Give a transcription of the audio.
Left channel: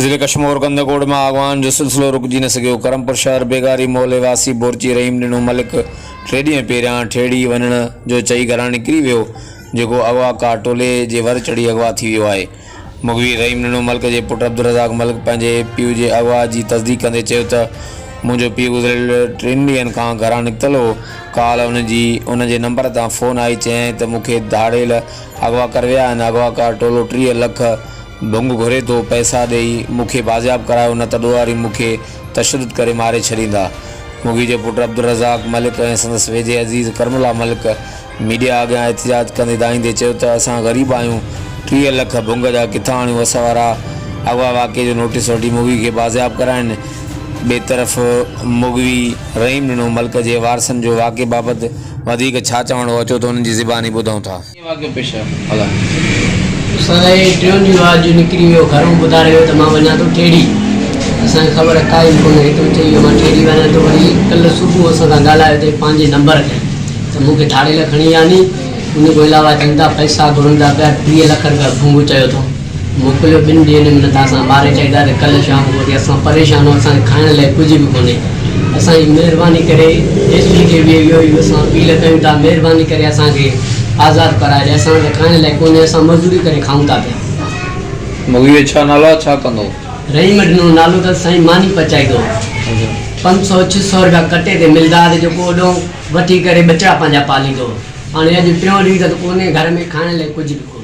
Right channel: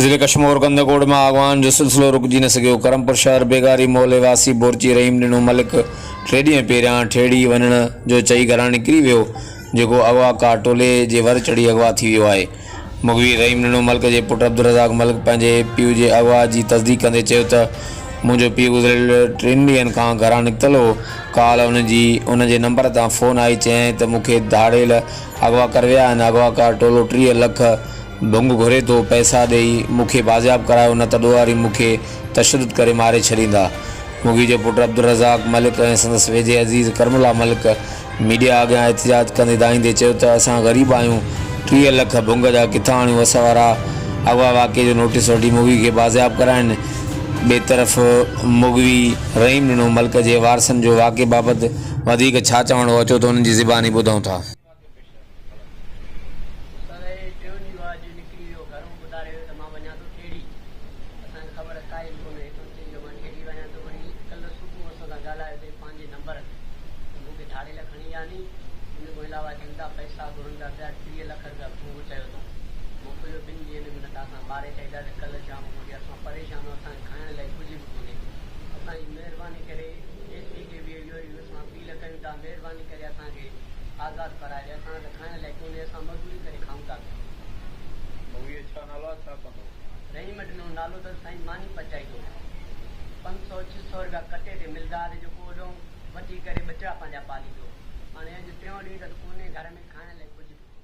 ज़िले कश्मीर कंदकोट में अगवान जो सिलसिलो रुकजी न सघियो। करमपुर शहर बेगारी मोहल्ले वासी बोरची रहीम ॾिनो मलिक 3 ॾींहं पहिरियां ठेड़ी वञण जो चई घरां निकिरी वियो, जेको अगवाकार टोले जे वर चढ़ी अगवा थी वियो आहे। मुगवी रहीम ॾिनो मलिक जे पुट अब्दुल रज़ाक मलिक पंहिंजे पीउ जे अगवा जी तस्दीक कंदे चयो त मुंहिंजो पीउ गुज़िरियल 3 ॾींहंनि खां घरां निकितल हो। काल उन जे नंबर तां फ़ोन आई, चयाईं त मूंखे धाड़ेल अगवा कर विया आहिनि। अगवाकार टोलो 30 लख भुंग घुरे थो, पैसा ॾेई मूंखे बाज़ियाब करायो, न त ॾोहारी मूंखे तशद्दुद करे मारे छॾींदा। मुगी जे पुट अब्दुल रज़ाक मलिक ऐं संदसि वेझे अज़ीज़ करमुला मलिक मीडिया अॻियां एहतिजाज कंदे दाईंदे चयो त असां ग़रीब आहियूं, 30 लख भुंग जा किथां आणियूं। असां वारा अगवा वाक़े जो नोटिस वठी मुगी खे बाज़ियाब कराइनि। ॿिए तरफ़ मुगवी रहीम ॾिनो मलिक जे वारसनि जो वाक़े बाबति वधीक छा चवणो अचो त उन्हनि जी ज़बानी ॿुधूं था। असांजे 3 ॾींहं आज निकिरी वियो, घरों ॿुधाए वियो त मां वञा थो ठेड़ी। असांखे ख़बर काई कोन्हे, तो चई मां ठेड़ी वञा थो। वरी कल्ह सुबुह असां सां ॻाल्हायो ते पंहिंजे नंबर ते त मूंखे धाड़ेल खणी आनी। उन खां अलावा चवनि था पैसा घुरंदा पिया, 30 लख रुपया भुंग चयो थो मोकिलियो। 2 ॾींहंनि में न त असां मारे चाहींदा त कल्ह शाम को वरी असां परेशान आहियूं, असांखे खाइण लाइ कुझु बि कोन्हे। असांजी महिरबानी करे एसपी खे बि इहो ई असां अपील कयूं था, महिरबानी करे असांखे आज़ादु कराइजे। असांखे खाइण लाइ कोन्हे, असां मज़दूरी करे खाऊं था पिया। मुगी छा नालो छा कंदो? रहीम ॾिनो नालो त साईं मानी पचाईंदो। 500-600 रुपया कटे ते मिलदार जेको ओॾो वठी करे बचा पंहिंजा पालींदो। हाणे अॼु 3 ॾींहं त कोन्हे घर में खाइण लाइ कुझु बि कोन्हे।